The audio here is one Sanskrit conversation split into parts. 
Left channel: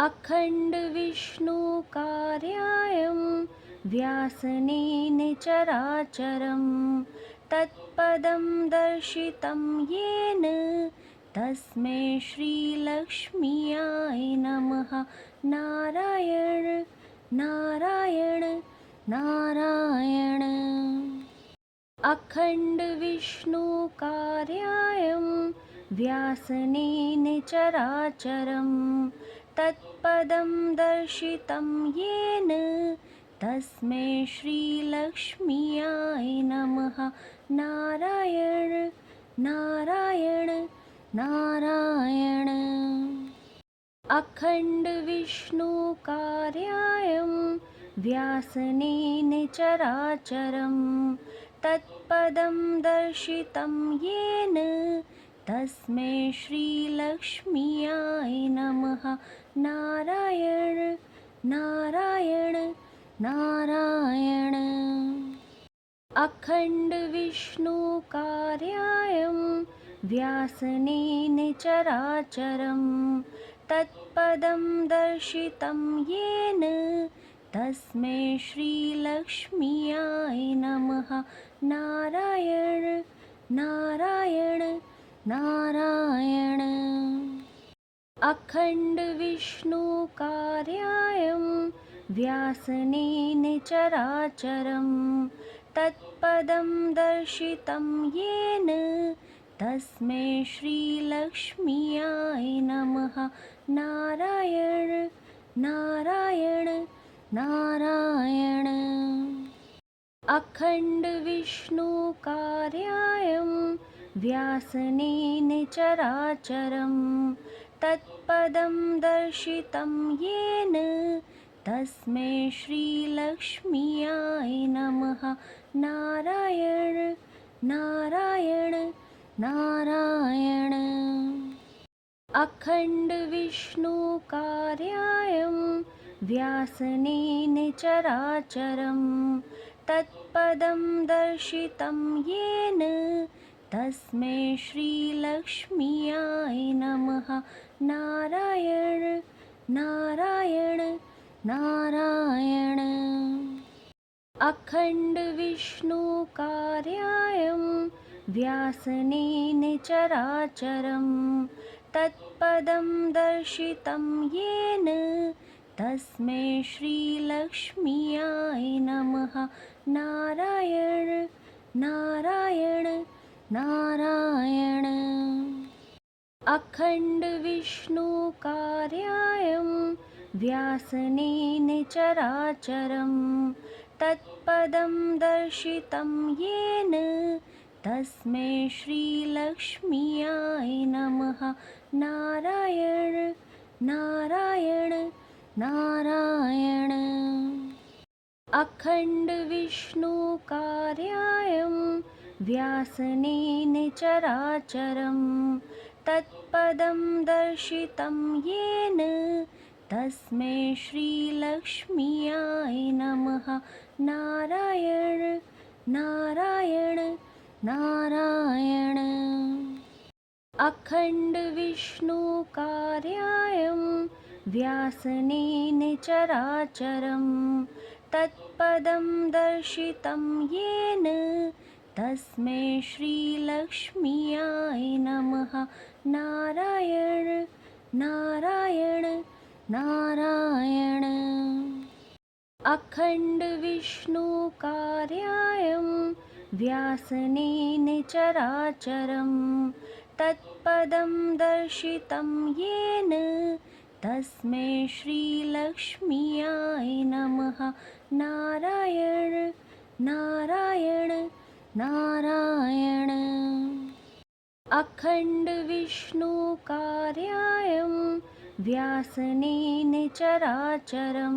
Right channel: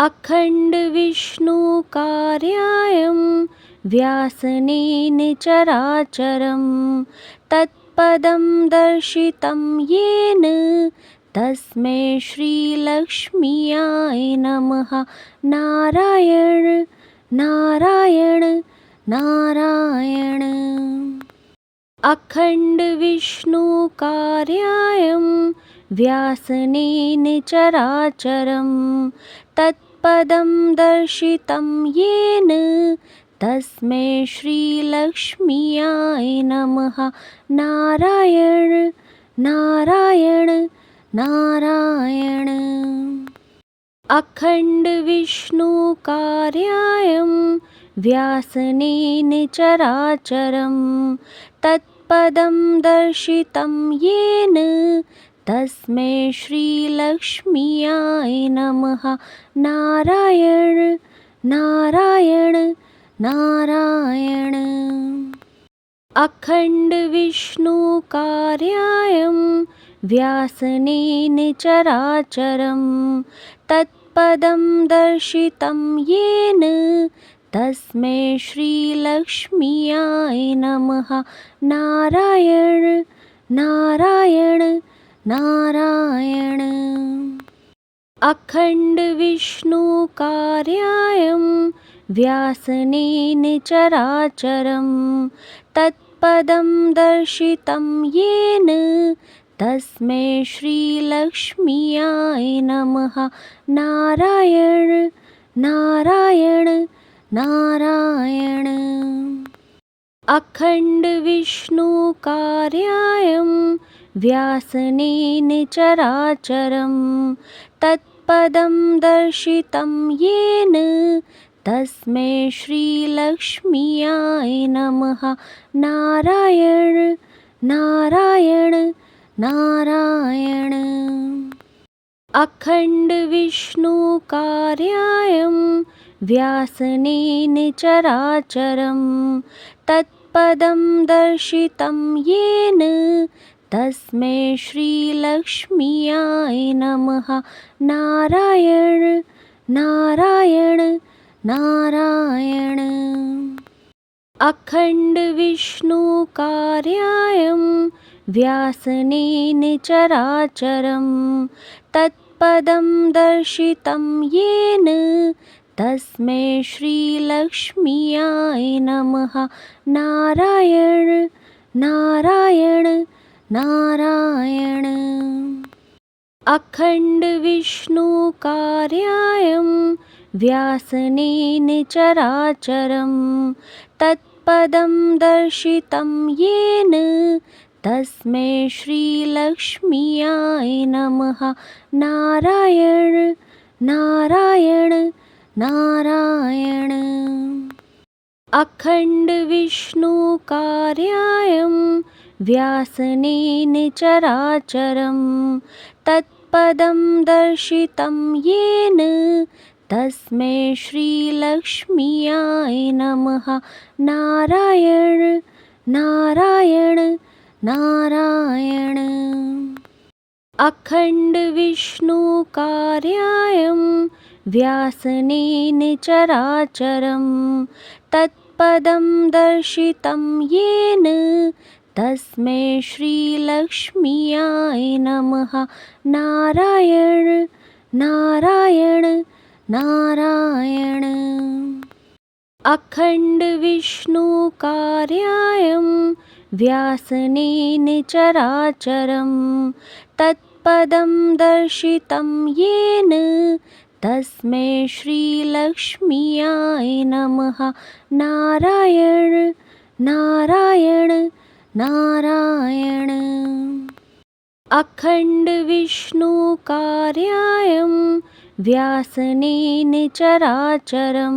अखण्डविष्णुकार्यायं व्यासनेन चराचरं तत्पदं दर्शितं येन तस्मै श्रीलक्ष्म्याय नमः। नारायण नारायण नारायण। अखण्डविष्णुकार्यायं व्यासनेन चराचरं तत्पदं दर्शितं येन तस्मै श्रीलक्ष्म्याय नमः। नारायण नारायण नारायण। अखण्डविष्णुकार्यायं व्यासनेन चराचरं तत्पदं दर्शितं येन तस्मै श्रीलक्ष्म्याय नमः। नारायण नारायण नारायण। अखण्डविष्णुकार्यायं व्यासनेन चराचरं तत्पदं दर्शितं येन तस्मै श्रीलक्ष्म्याय नमः। नारायण नारायण नारायण। अखण्डविष्णुकार्यायं व्यासनेन चराचरं तत्पदं दर्शितं येन तस्मै श्रीलक्ष्म्याय नमः। नारायण नारायण नारायण। अखण्डविष्णुकार्यायं व्यासनेन चराचरं तत्पदं दर्शितं येन तस्मै श्रीलक्ष्म्याय नमः। नारायण नारायण नारायण। अखण्डविष्णुकार्यायं व्यासनेन चराचरं तत्पदं दर्शितं येन तस्मै श्रीलक्ष्म्याय नमः। नारायण नारायण नारायण। अखण्डविष्णुकार्यायं व्यासनेन चराचरं तत्पदं दर्शितं येन तस्मै श्रीलक्ष्म्याय नमः। नारायण नारायण नारायण। अखण्डविष्णुकार्यायं व्यासनेन चराचरं तत्पदं दर्शितं येन तस्मै श्रीलक्ष्म्याय नमः। नारायण नारायण नारायण। अखण्डविष्णुकार्यायं व्यासनेन चराचरं तत्पदं दर्शितं येन तस्मै श्रीलक्ष्म्याय नमः। नारायण नारायण नारायण। अखण्डविष्णुकार्यायं व्यासनेन चराचरं तत्पदं दर्शितं येन तस्मै श्रीलक्ष्म्याय नमः। नारायण नारायण नारायण। अखण्डविष्णुकार्यायं व्यासनेन चराचरं तत्पदं दर्शितं येन तस्मै श्रीलक्ष्म्याय नमः। नारायण नारायण नारायण। अखण्डविष्णुकार्यायं व्यासनेन चराचरं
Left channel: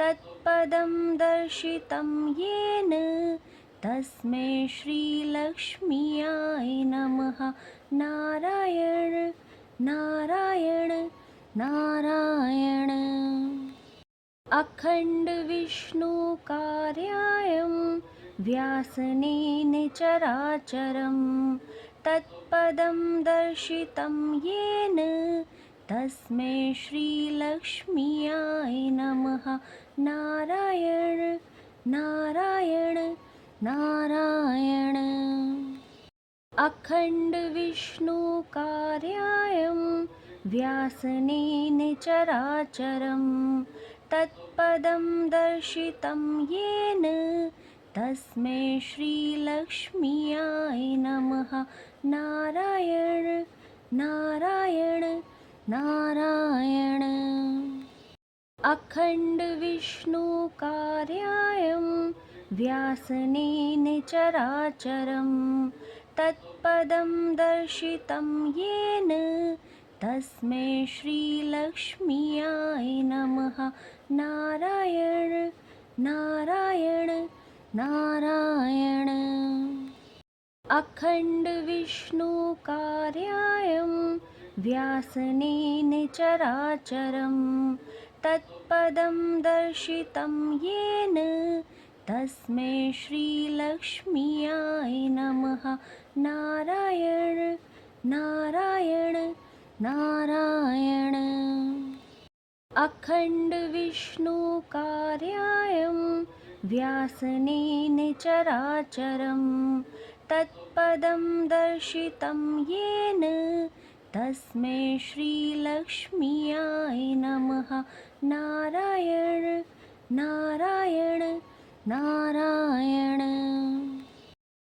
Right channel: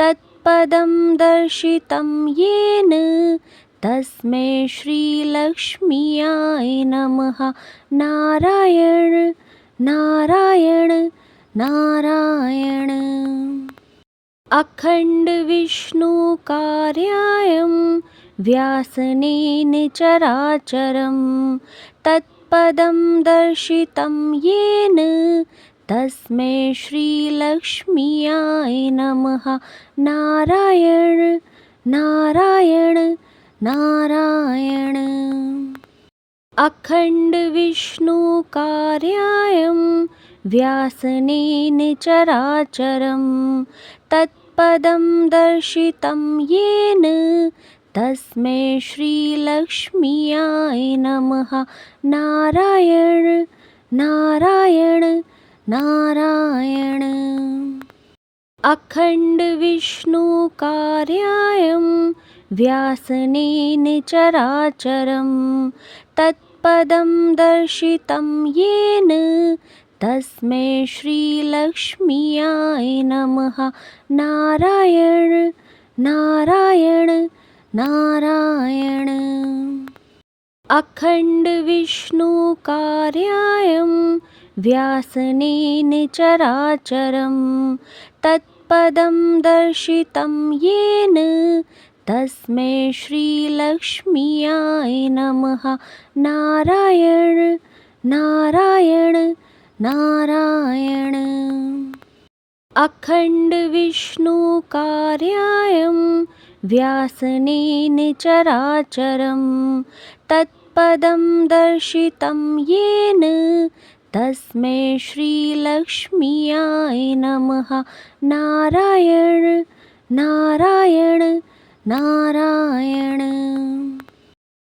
तत्पदं दर्शितं येन तस्मै श्रीलक्ष्म्याय नमः। नारायण नारायण नारायण। अखण्डविष्णुकार्यायं व्यासनेन चराचरं तत्पदं दर्शितं येन तस्मै श्रीलक्ष्म्याय नमः। नारायण नारायण नारायण। अखण्डविष्णुकार्यायं व्यासनेन चराचरं तत्पदं दर्शितं येन तस्मै श्रीलक्ष्म्याय नमः। नारायण नारायण नारायण। अखण्डविष्णुकार्यायं व्यासनेन चराचरं तत्पदं दर्शितं येन तस्मै श्रीलक्ष्म्याय नमः। नारायण नारायण नारायण। अखण्डविष्णुकार्यायं व्यासनेन चराचरं तत्पदं दर्शितं येन तस्मै श्रीलक्ष्म्याय नमः। नारायण नारायण नारायण। अखण्डविष्णुकार्यायं व्यासनेन चराचरं तत्पदं दर्शितं येन तस्मै श्रीलक्ष्म्याय नमः। नारायण नारायण नारायण।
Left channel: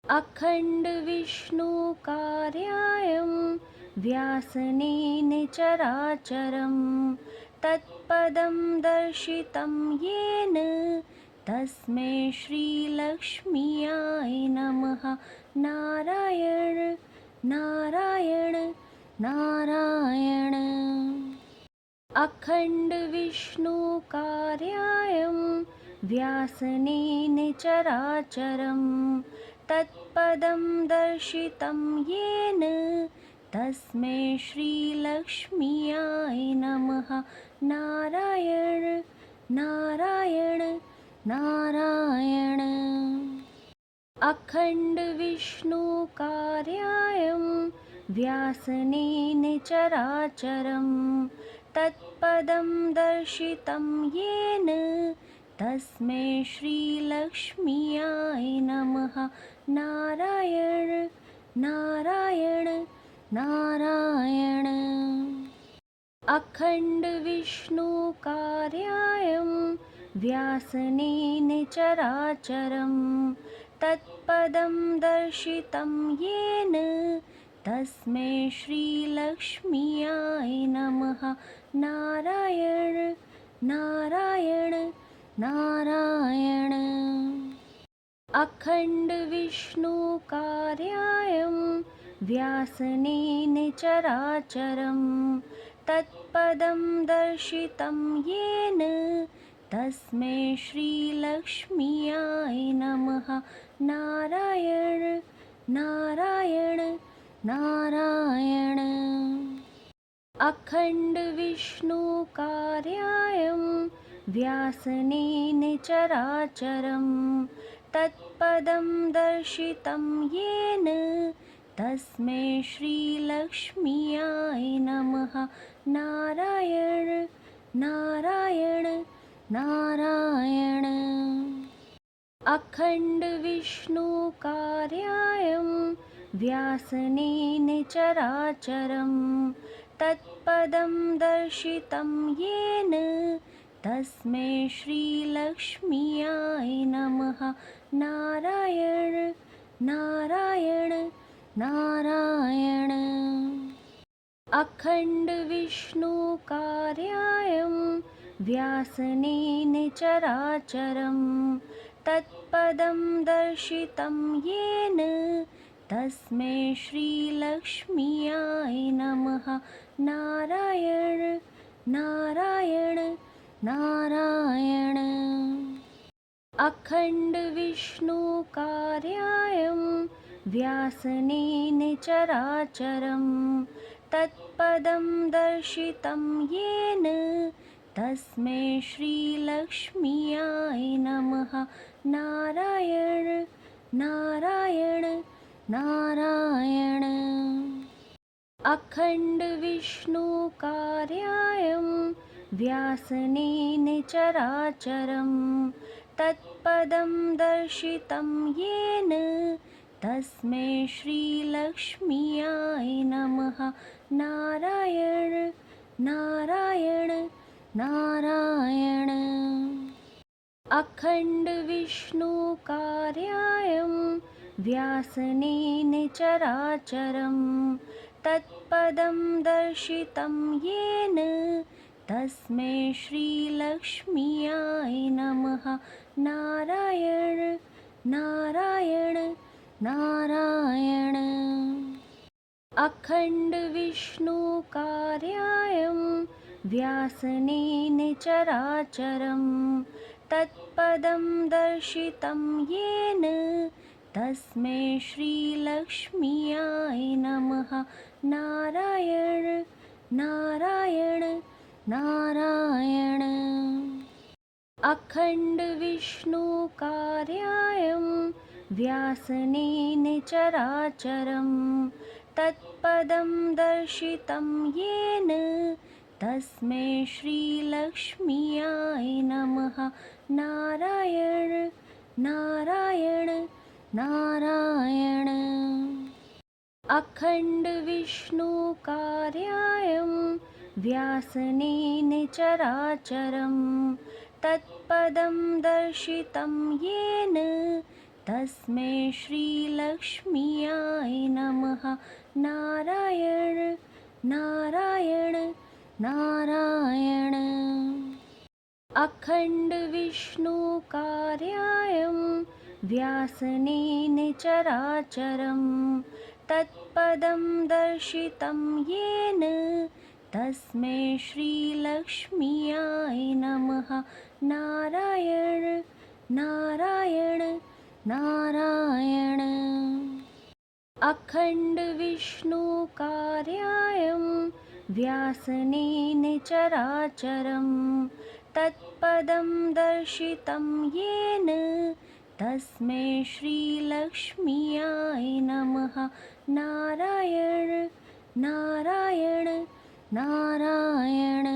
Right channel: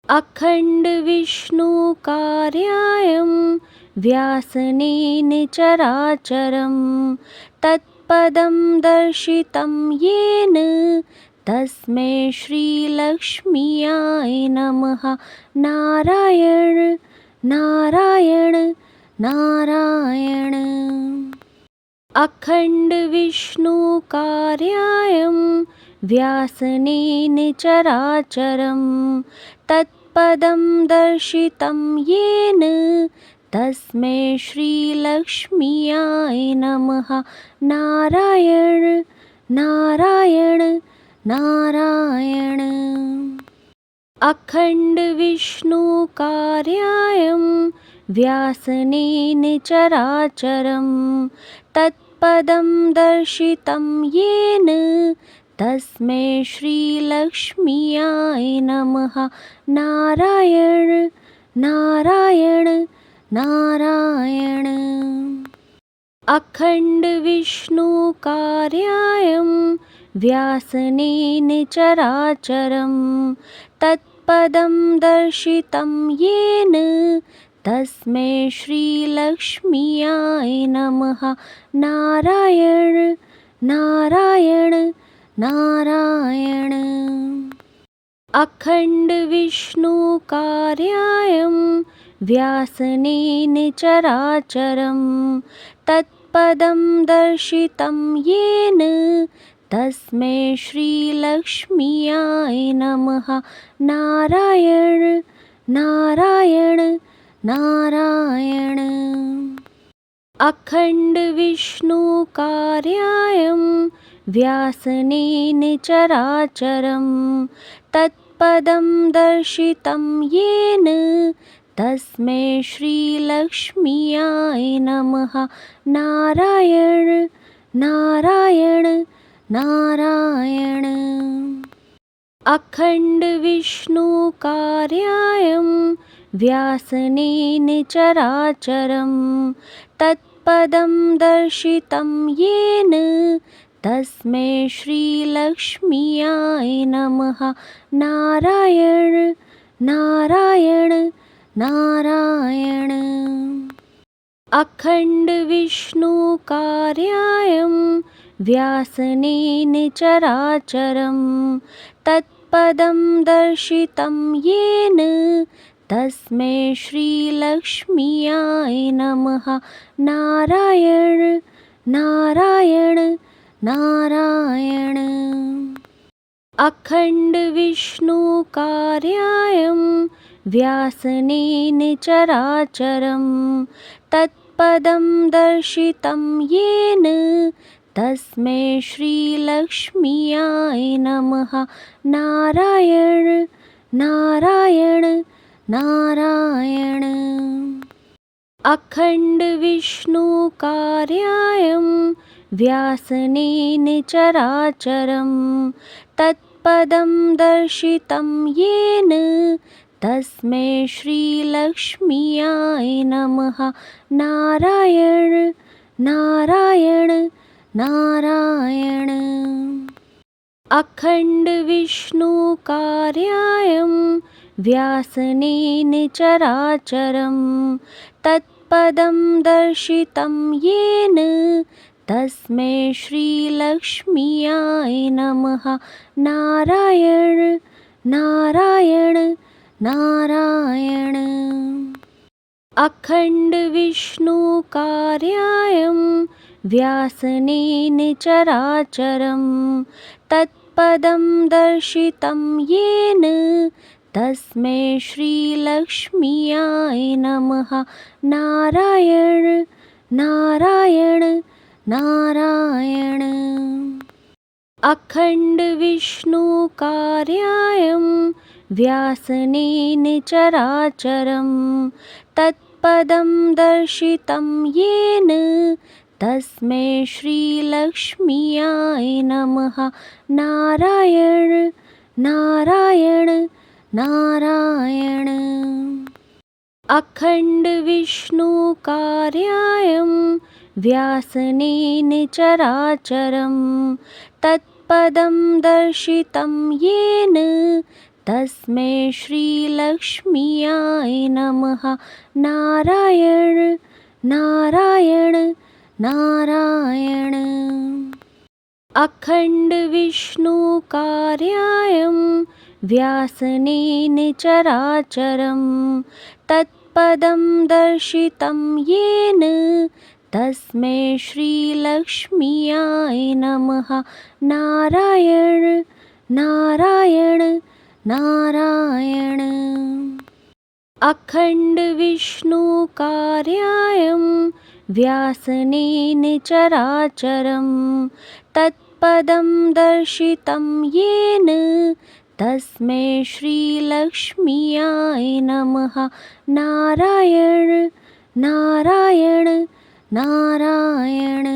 अखण्डविष्णुकार्यायं व्यासनेन चराचरं तत्पदं दर्शितं येन तस्मै श्रीलक्ष्म्याय नमः। नारायण नारायण नारायण। अखण्डविष्णुकार्यायं व्यासनेन चराचरं तत्पदं दर्शितं येन तस्मै श्रीलक्ष्म्याय नमः। नारायण नारायण नारायण। अखण्डविष्णुकार्यायं व्यासनेन चराचरं तत्पदं दर्शितं येन तस्मै श्रीलक्ष्म्याय नमः। नारायण नारायण नारायण। अखण्डविष्णुकार्यायं व्यासनेन चराचरं तत्पदं दर्शितं येन तस्मै श्रीलक्ष्म्याय नमः। नारायण नारायण नारायण। अखण्डविष्णुकार्यायं व्यासनेन चराचरं तत्पदं दर्शितं येन तस्मै श्रीलक्ष्म्याय नमः। नारायण नारायण नारायण। अखण्डविष्णुकार्यायं व्यासनेन चराचरं तत्पदं दर्शितं येन तस्मै श्रीलक्ष्म्याय नमः। नारायण नारायण नारायण। अखण्डविष्णुकार्यायं व्यासनेन चराचरं तत्पदं दर्शितं येन तस्मै श्रीलक्ष्म्याय नमः। नारायण नारायण नारायण। अखण्डविष्णुकार्यायं व्यासनेन चराचरं तत्पदं दर्शितं येन तस्मै श्रीलक्ष्म्याय नमः। नारायण नारायण नारायण। अखण्डविष्णुकार्यायं व्यासनेन चराचरं तत्पदं दर्शितं येन तस्मै श्रीलक्ष्म्याय नमः। नारायण नारायण नारायण। अखण्डविष्णुकार्यायं व्यासनेन चराचरं तत्पदं दर्शितं येन तस्मै श्रीलक्ष्म्याय नमः। नारायण नारायण नारायण। अखण्डविष्णुकार्यायं व्यासनेन चराचरं तत्पदं दर्शितं येन तस्मै श्रीलक्ष्म्याय नमः। नारायण नारायण नारायण। अखण्डविष्णुकार्यायं व्यासनेन चराचरं तत्पदं दर्शितं येन तस्मै श्रीलक्ष्म्याय नमः। नारायण नारायण नारायण। अखण्डविष्णुकार्यायं व्यासनेन चराचरं तत्पदं दर्शितं येन तस्मै श्रीलक्ष्म्याय नमः। नारायण नारायण नारायण। अखण्डविष्णुकार्यायं व्यासनेन चराचरं तत्पदं दर्शितं येन तस्मै श्रीलक्ष्म्याय नमः। नारायण नारायण नारायण। अखण्डविष्णुकार्यायं व्यासनेन चराचरं तत्पदं दर्शितं येन तस्मै श्रीलक्ष्म्याय नमः। नारायण नारायण नारायण। अखण्डविष्णुकार्यायं व्यासनेन चराचरं तत्पदं दर्शितं येन तस्मै श्रीलक्ष्म्याय नमः। नारायण नारायण नारायण।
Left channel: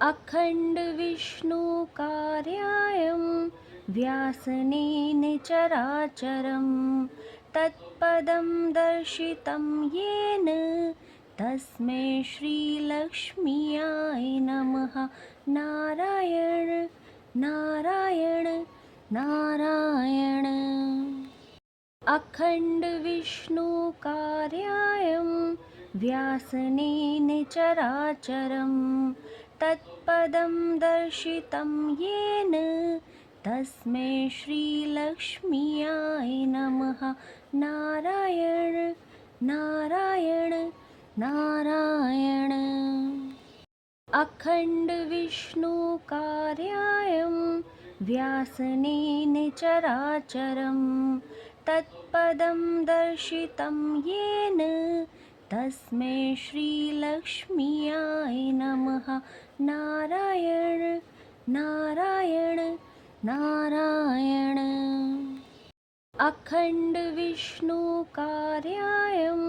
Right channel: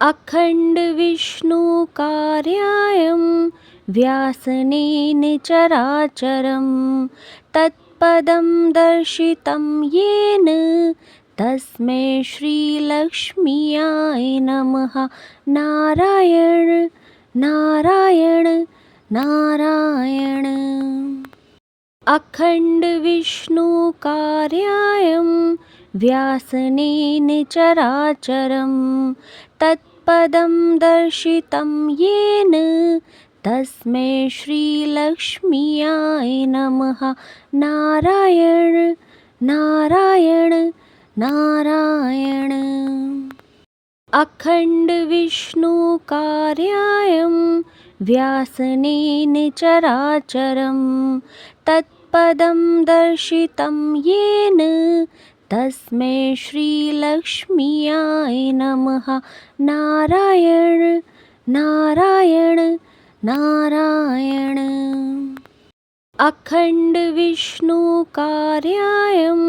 अखण्डविष्णुकार्यायं व्यासनेन चराचरं तत्पदं दर्शितं येन तस्मै श्रीलक्ष्म्याय नमः। नारायण नारायण नारायण। अखण्डविष्णुकार्यायं व्यासनेन चराचरं तत्पदं दर्शितं येन तस्मै श्रीलक्ष्म्याय नमः। नारायण नारायण नारायण। अखण्डविष्णुकार्यायं व्यासनेन चराचरं तत्पदं दर्शितं येन तस्मै श्रीलक्ष्म्याय नमः। नारायण नारायण नारायण। अखण्डविष्णुकार्यायं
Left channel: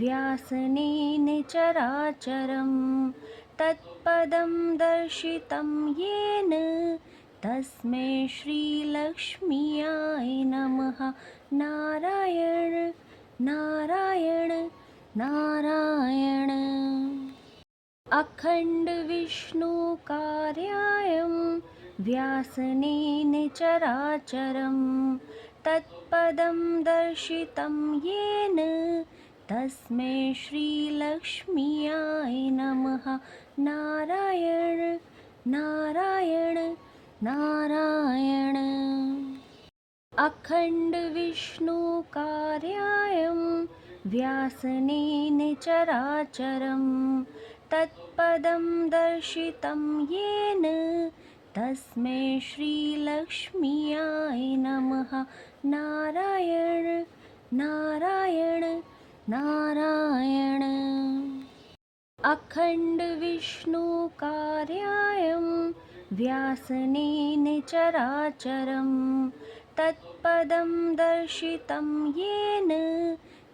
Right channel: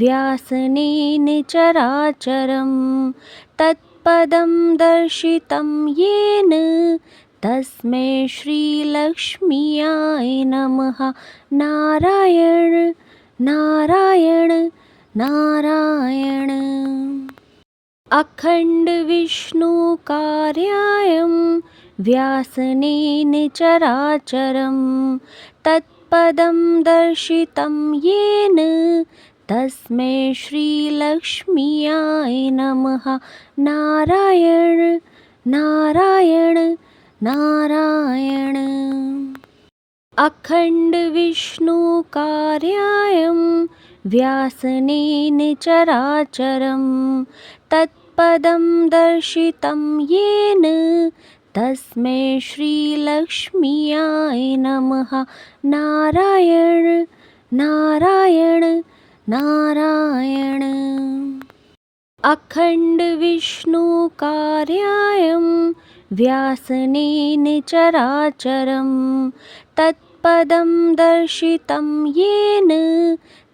व्यासनेन चराचरं तत्पदं दर्शितं येन तस्मै श्रीलक्ष्म्याय नमः। नारायण नारायण नारायण। अखण्डविष्णुकार्यायं व्यासनेन चराचरं तत्पदं दर्शितं येन तस्मै श्रीलक्ष्म्याय नमः। नारायण नारायण नारायण। अखण्डविष्णुकार्यायं व्यासनेन चराचरं तत्पदं दर्शितं येन तस्मै श्रीलक्ष्म्याय नमः। नारायण नारायण नारायण। अखण्डविष्णुकार्यायं व्यासनेन चराचरं तत्पदं दर्शितं येन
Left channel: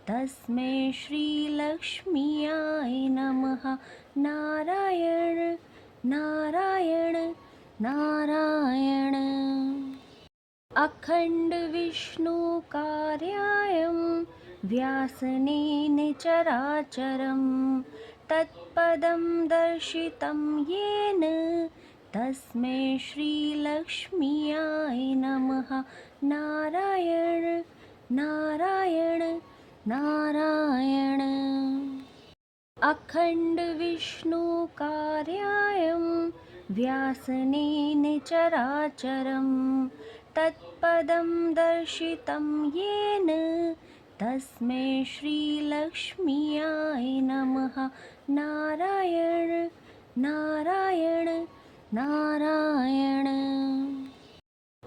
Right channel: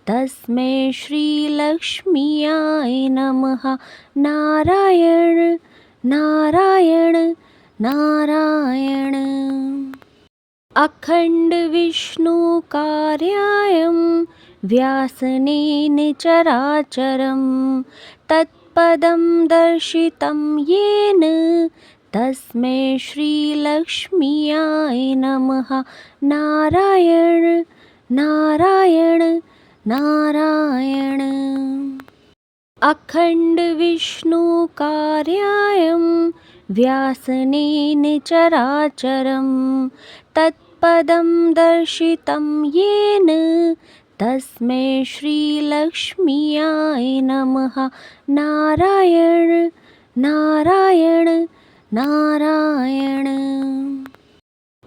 तस्मै श्रीलक्ष्म्याय नमः। नारायण नारायण नारायण। अखण्ड विष्णु कार्यायं व्यासनेन चराचरं तत्पदं दर्शितं येन तस्मै श्रीलक्ष्म्याय नमः। नारायण नारायण नारायण। अखण्ड विष्णु कार्यायं व्यासनेन चराचरं तत्पदं दर्शितं येन तस्मै श्रीलक्ष्म्याय नमः। नारायण नारायण नारायण।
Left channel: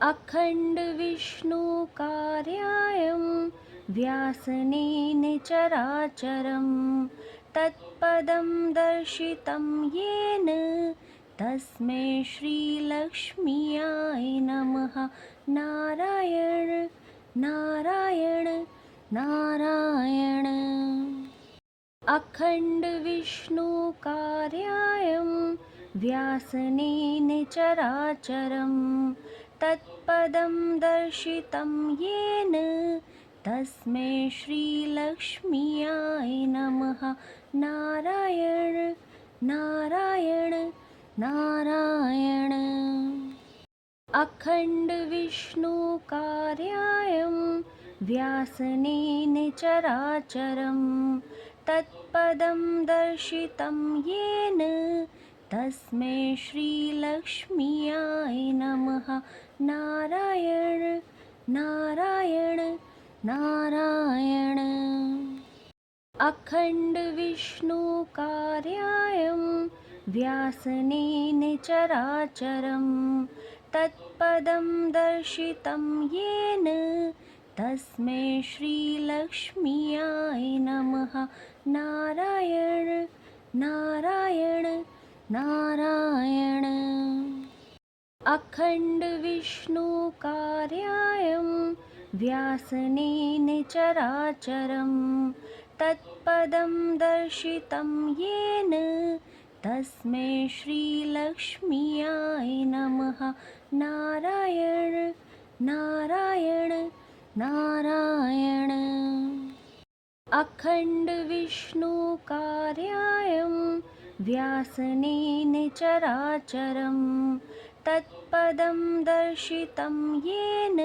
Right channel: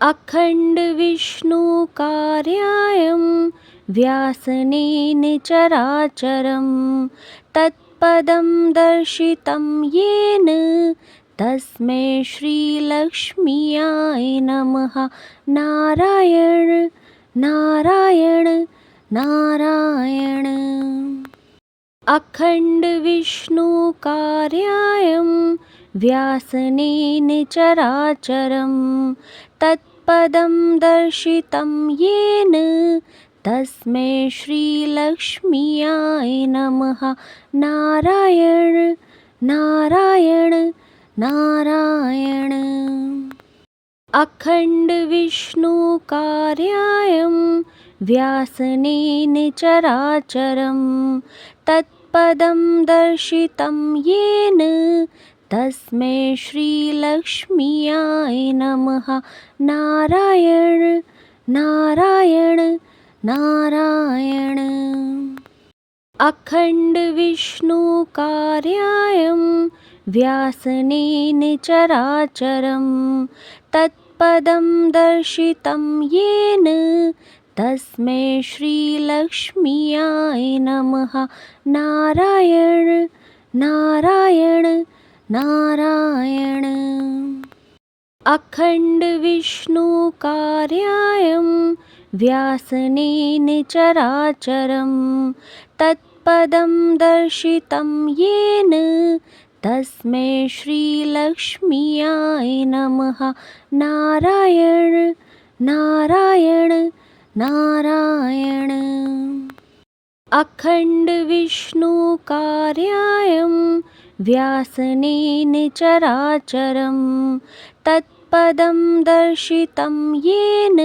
अखण्ड विष्णु कार्यायं व्यासनेन चराचरं तत्पदं दर्शितं येन तस्मै श्रीलक्ष्म्याय नमः। नारायण नारायण नारायण। अखण्ड विष्णु कार्यायं व्यासनेन चराचरं तत्पदं दर्शितं येन तस्मै श्रीलक्ष्म्याय नमः। नारायण नारायण नारायण। अखण्ड विष्णु कार्यायं व्यासनेन चराचरं तत्पदं दर्शितं येन तस्मै श्रीलक्ष्म्याय नमः। नारायण नारायण नारायण। अखण्ड विष्णु कार्यायं व्यासनेन चराचरं तत्पदं दर्शितं येन तस्मै श्रीलक्ष्म्याय नमः। नारायण नारायण नारायण। अखण्ड विष्णु कार्यायं व्यासनेन चराचरं तत्पदं दर्शितं येन तस्मै श्रीलक्ष्म्याय नमः। नारायण नारायण नारायण। अखण्ड विष्णु कार्यायं व्यासनेन चराचरं तत्पदं दर्शितं येन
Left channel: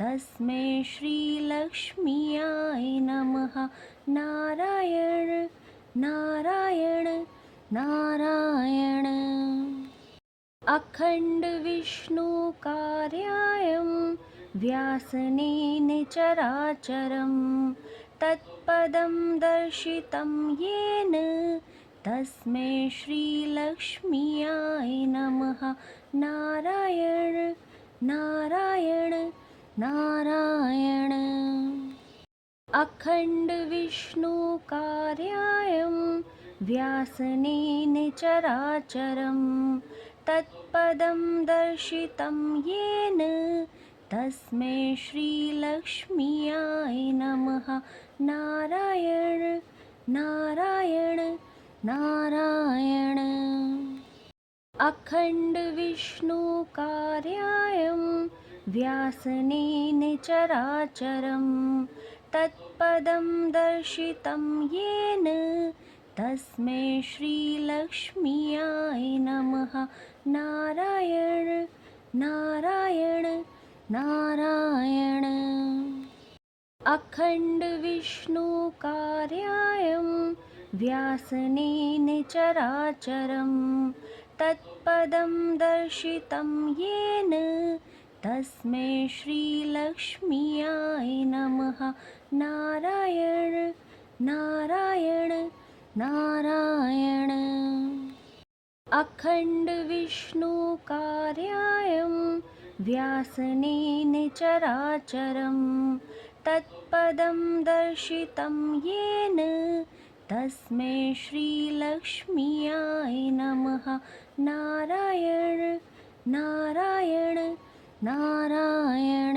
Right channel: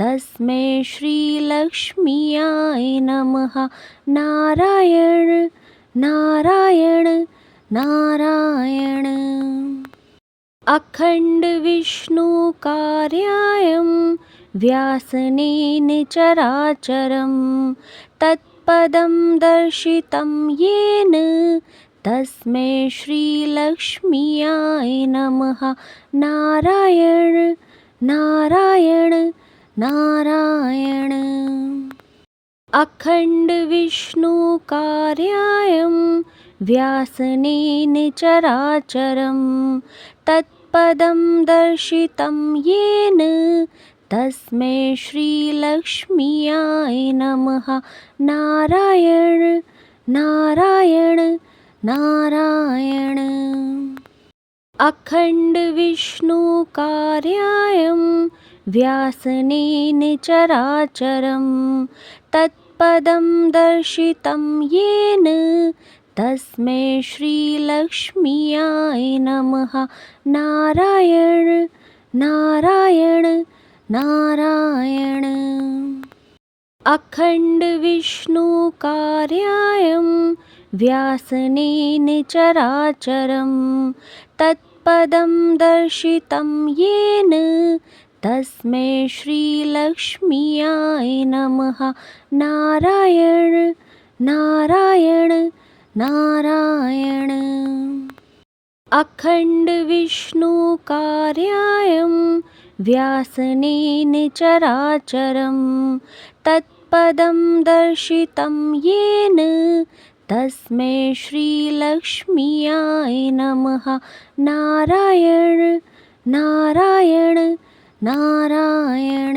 तस्मै श्रीलक्ष्म्याय नमः। नारायण नारायण नारायण। अखण्ड विष्णु कार्यायं व्यासनेन चराचरं तत्पदं दर्शितं येन तस्मै श्रीलक्ष्म्याय नमः। नारायण नारायण नारायण। अखण्ड विष्णु कार्यायं व्यासनेन चराचरं तत्पदं दर्शितं येन तस्मै श्रीलक्ष्म्याय नमः। नारायण नारायण नारायण। अखण्ड विष्णु कार्यायं व्यासनेन चराचरं तत्पदं दर्शितं येन तस्मै श्रीलक्ष्म्याय नमः। नारायण नारायण नारायण। अखण्ड विष्णु कार्यायं व्यासनेन चराचरं तत्पदं दर्शितं येन तस्मै श्रीलक्ष्म्याय नमः। नारायण नारायण नारायण। अखण्ड विष्णु कार्यायं व्यासनेन चराचरं तत्पदं दर्शितं येन तस्मै श्रीलक्ष्म्याय नमः। नारायण नारायण नारायण।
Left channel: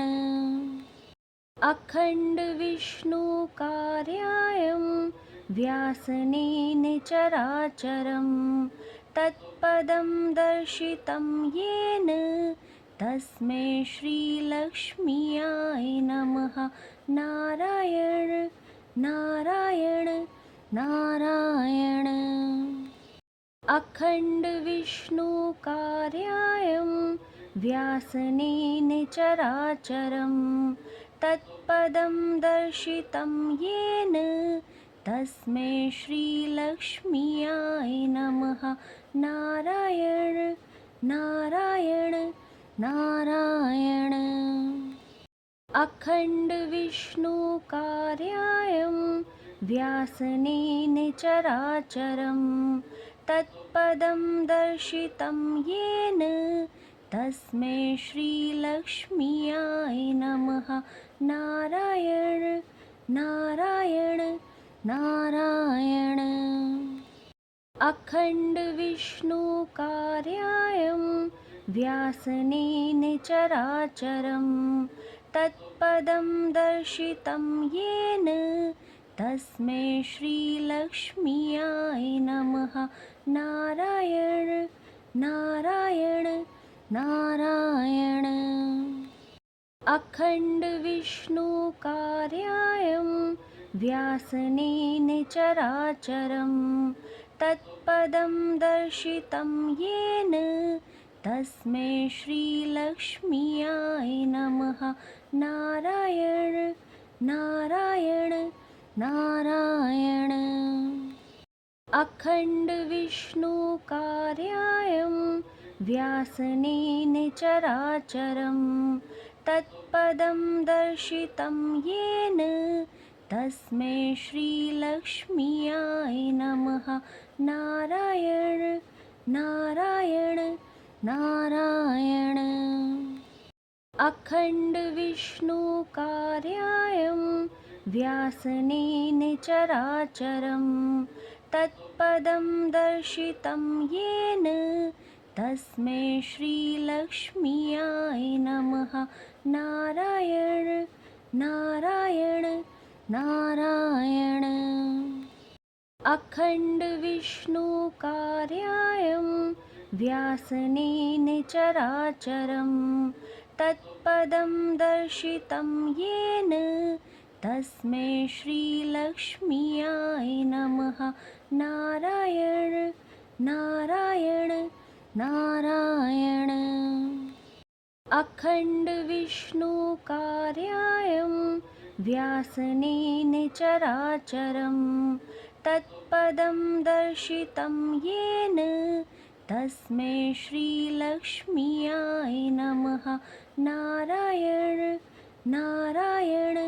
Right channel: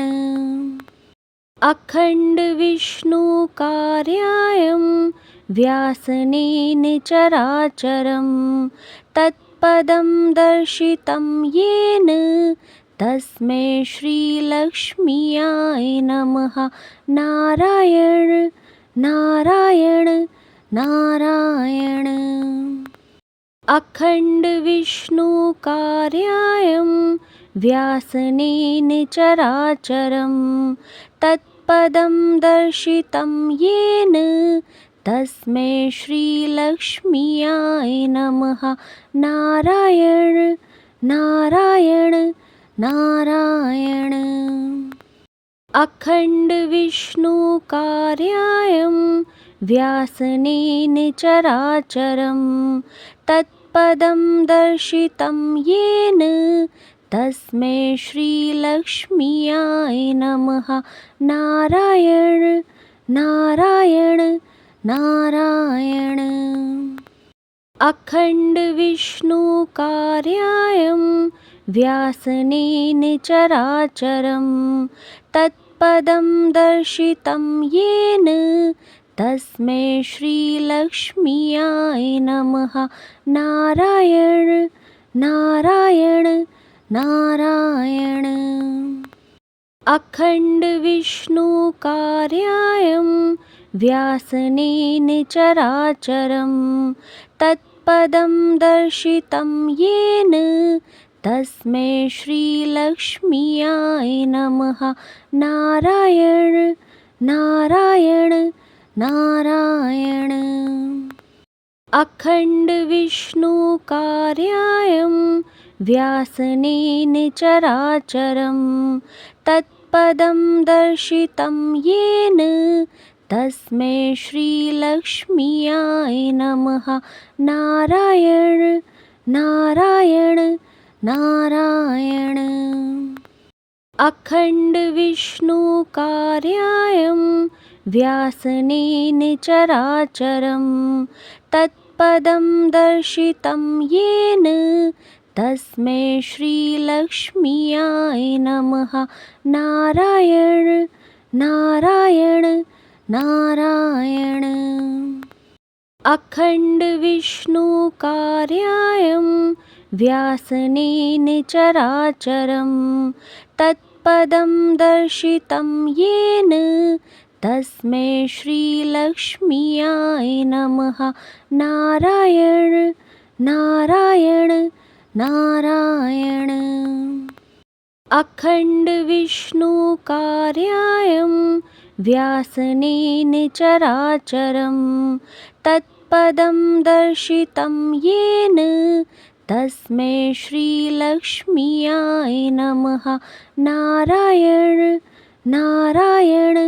अखण्डविष्णुकार्यायं व्यासनेन चराचरं तत्पदं दर्शितं येन तस्मै श्रीलक्ष्म्याय नमः। नारायण नारायण नारायण। अखण्डविष्णुकार्यायं व्यासनेन चराचरं तत्पदं दर्शितं येन तस्मै श्रीलक्ष्म्याय नमः। नारायण नारायण नारायण। अखण्डविष्णुकार्यायं व्यासनेन चराचरं तत्पदं दर्शितं येन तस्मै श्रीलक्ष्म्याय नमः। नारायण नारायण नारायण। अखण्डविष्णुकार्यायं व्यासनेन चराचरं तत्पदं दर्शितं येन तस्मै श्रीलक्ष्म्याय नमः। नारायण नारायण नारायण। अखण्डविष्णुकार्यायं व्यासनेन चराचरं तत्पदं दर्शितं येन तस्मै श्रीलक्ष्म्याय नमः। नारायण नारायण नारायण। अखण्डविष्णुकार्यायं व्यासनेन चराचरं तत्पदं दर्शितं येन तस्मै श्रीलक्ष्म्याय नमः। नारायण नारायण नारायण। अखण्डविष्णुकार्यायं व्यासनेन चराचरं तत्पदं दर्शितं येन तस्मै श्रीलक्ष्म्याय नमः। नारायण नारायण नारायण। अखण्डविष्णुकार्यायं व्यासनेन चराचरं तत्पदं दर्शितं येन तस्मै श्रीलक्ष्म्याय नमः। नारायण नारायण नारायण। अखण्डविष्णुकार्यायं व्यासनेन चराचरं तत्पदं दर्शितं येन तस्मै श्रीलक्ष्म्याय नमः। नारायण नारायण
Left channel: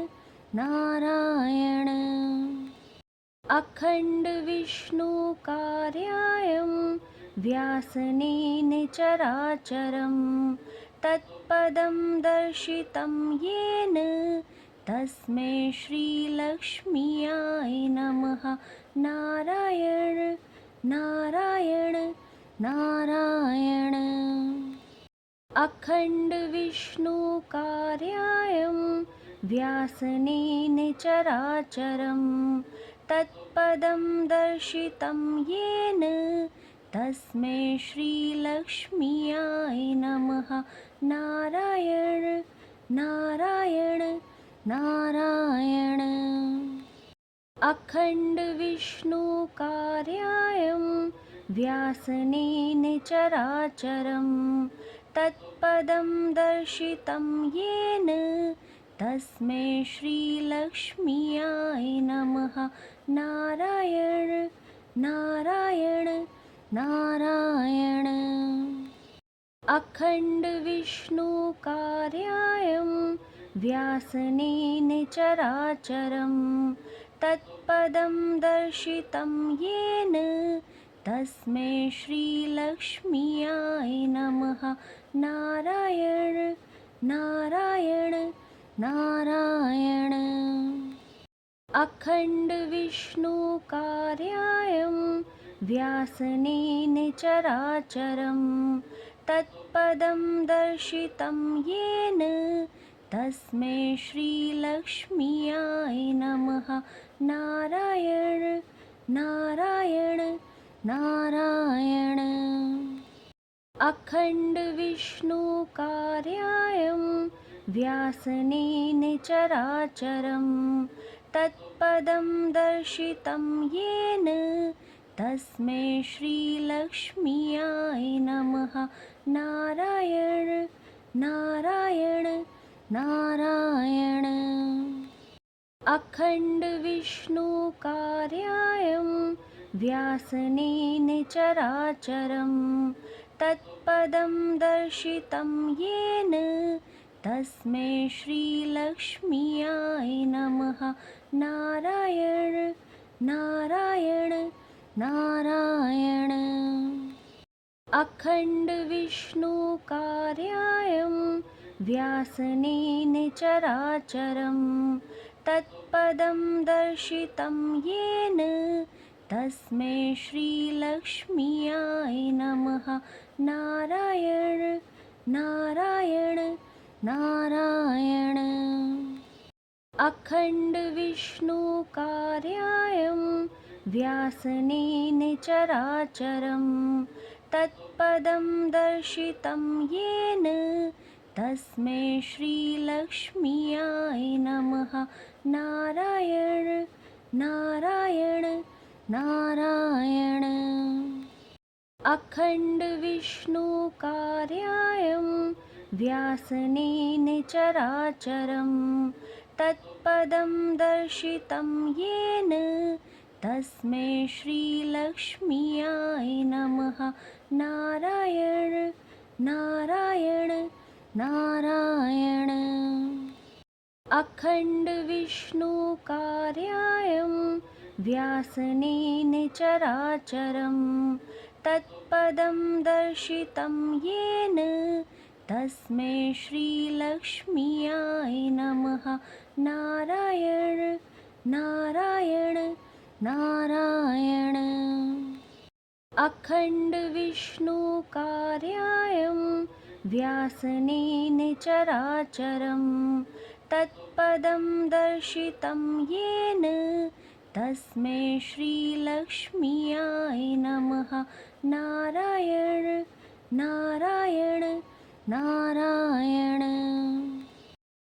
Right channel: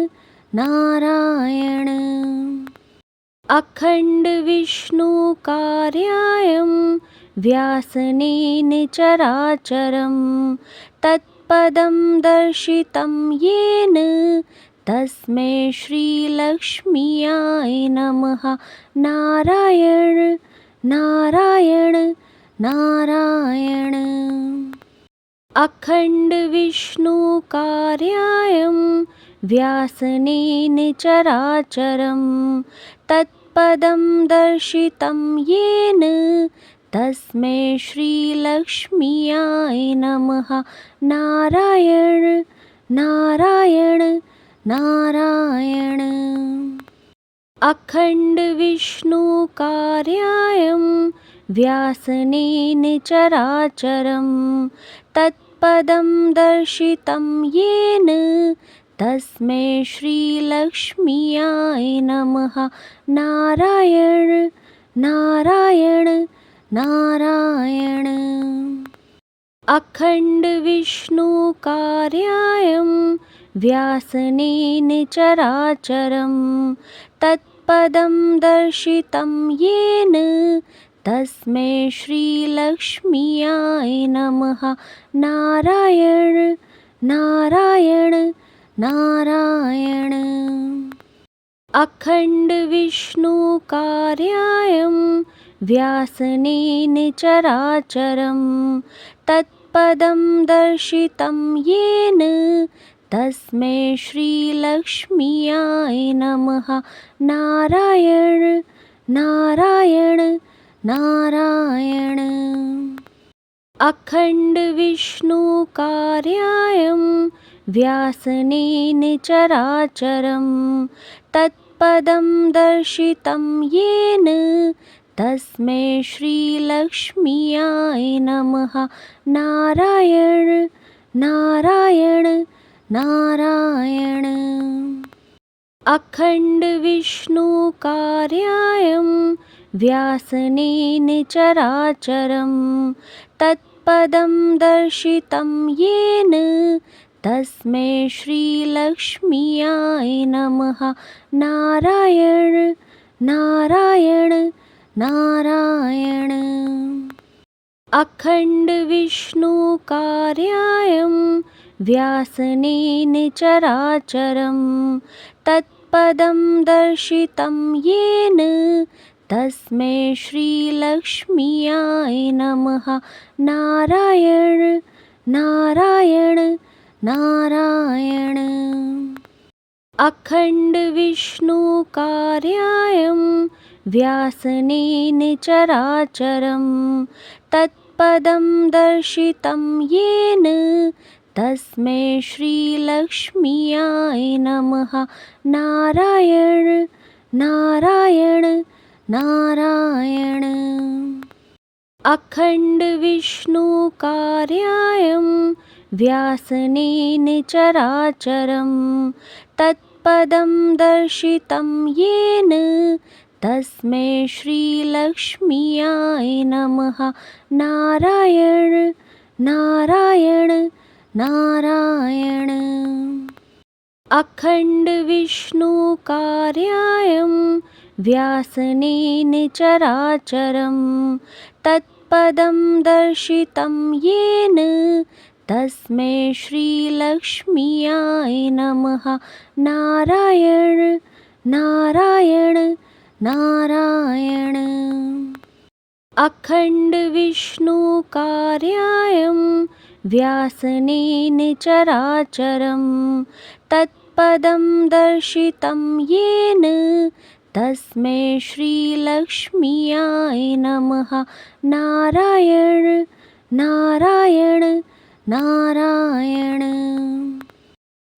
नारायण। अखण्डविष्णुकार्यायं व्यासनेन चराचरं तत्पदं दर्शितं येन तस्मै श्रीलक्ष्म्याय नमः। नारायण नारायण नारायण। अखण्डविष्णुकार्यायं व्यासनेन चराचरं तत्पदं दर्शितं येन तस्मै श्रीलक्ष्म्याय नमः। नारायण नारायण नारायण। अखण्डविष्णुकार्यायं व्यासनेन चराचरं तत्पदं दर्शितं येन तस्मै श्रीलक्ष्म्याय नमः। नारायण नारायण नारायण। अखण्डविष्णुकार्यायं व्यासनेन चराचरं तत्पदं दर्शितं येन तस्मै श्रीलक्ष्म्याय नमः। नारायण नारायण नारायण। अखण्डविष्णुकार्यायं व्यासनेन चराचरं तत्पदं दर्शितं येन तस्मै श्रीलक्ष्म्याय नमः। नारायण नारायण नारायण। अखण्डविष्णुकार्यायं व्यासनेन चराचरं तत्पदं दर्शितं येन तस्मै श्रीलक्ष्म्याय नमः। नारायण नारायण नारायण। अखण्डविष्णुकार्यायं व्यासनेन चराचरं तत्पदं दर्शितं येन तस्मै श्रीलक्ष्म्याय नमः। नारायण नारायण नारायण। अखण्डविष्णुकार्यायं व्यासनेन चराचरं तत्पदं दर्शितं येन तस्मै श्रीलक्ष्म्याय नमः। नारायण नारायण नारायण। अखण्डविष्णुकार्यायं व्यासनेन चराचरं तत्पदं दर्शितं येन तस्मै श्रीलक्ष्म्याय नमः। नारायण नारायण नारायण। अखण्डविष्णुकार्यायं व्यासनेन चराचरं तत्पदं दर्शितं येन तस्मै श्रीलक्ष्म्याय नमः। नारायण नारायण नारायण। अखण्डविष्णुकार्यायं व्यासनेन चराचरं तत्पदं दर्शितं येन तस्मै श्रीलक्ष्म्याय नमः। नारायण नारायण नारायण। अखण्डविष्णुकार्यायं व्यासनेन चराचरं तत्पदं दर्शितं येन तस्मै श्रीलक्ष्म्याय नमः। नारायण नारायण नारायण।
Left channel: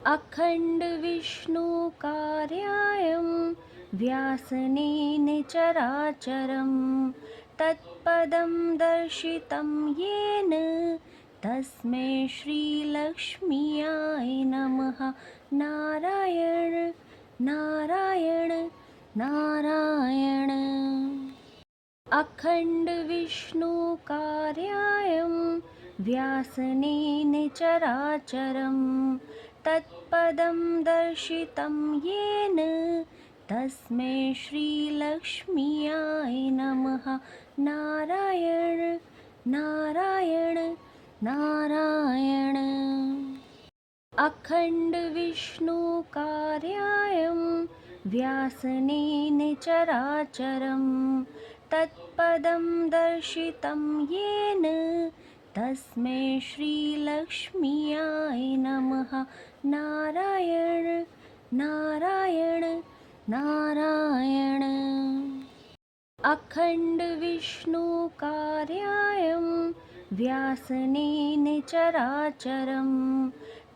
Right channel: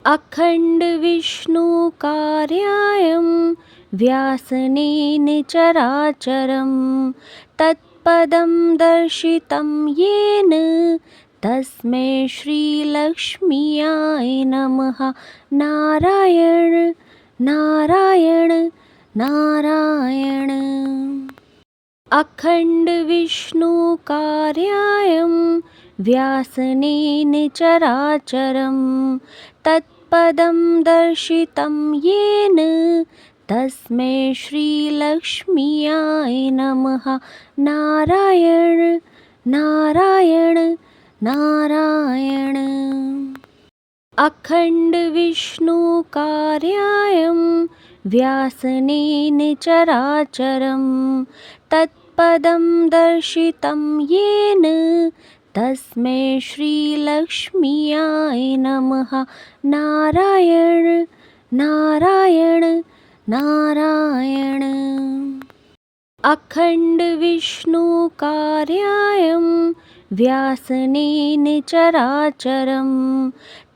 अखण्डविष्णुकार्यायं व्यासनेन चराचरं तत्पदं दर्शितं येन तस्मै श्रीलक्ष्म्याय नमः। नारायण नारायण नारायण। अखण्डविष्णुकार्यायं व्यासनेन चराचरं तत्पदं दर्शितं येन तस्मै श्रीलक्ष्म्याय नमः। नारायण नारायण नारायण। अखण्डविष्णुकार्यायं व्यासनेन चराचरं तत्पदं दर्शितं येन तस्मै श्रीलक्ष्म्याय नमः। नारायण नारायण नारायण। अखण्डविष्णुकार्यायं व्यासनेन चराचरं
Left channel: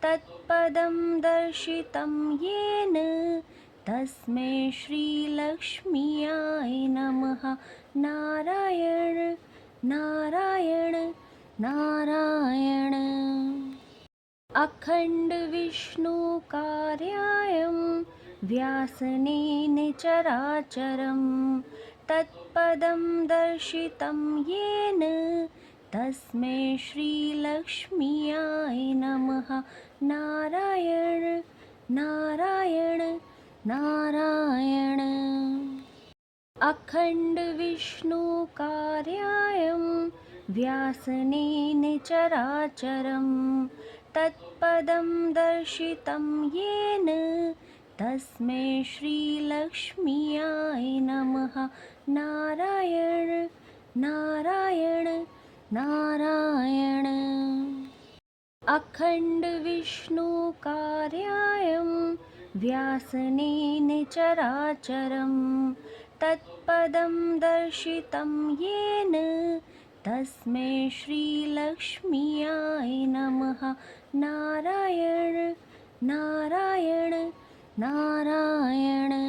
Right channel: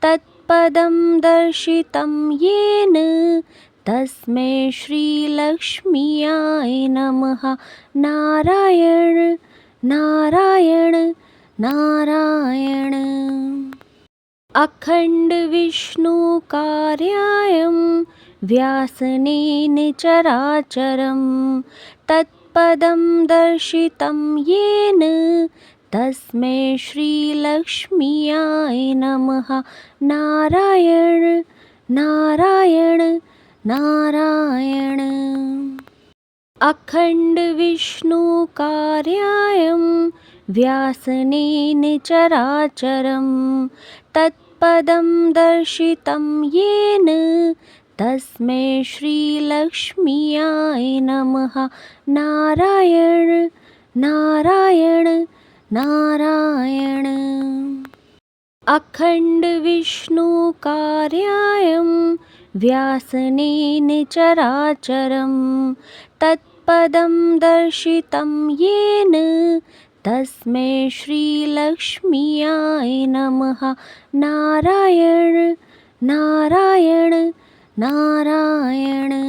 तत्पदं दर्शितं येन तस्मै श्रीलक्ष्म्याय नमः। नारायण नारायण नारायण। अखण्डविष्णुकार्यायं व्यासनेन चराचरं तत्पदं दर्शितं येन तस्मै श्रीलक्ष्म्याय नमः। नारायण नारायण नारायण। अखण्डविष्णुकार्यायं व्यासनेन चराचरं तत्पदं दर्शितं येन तस्मै श्रीलक्ष्म्याय नमः। नारायण नारायण नारायण। अखण्डविष्णुकार्यायं व्यासनेन चराचरं तत्पदं दर्शितं येन तस्मै श्रीलक्ष्म्याय नमः। नारायण नारायण नारायण।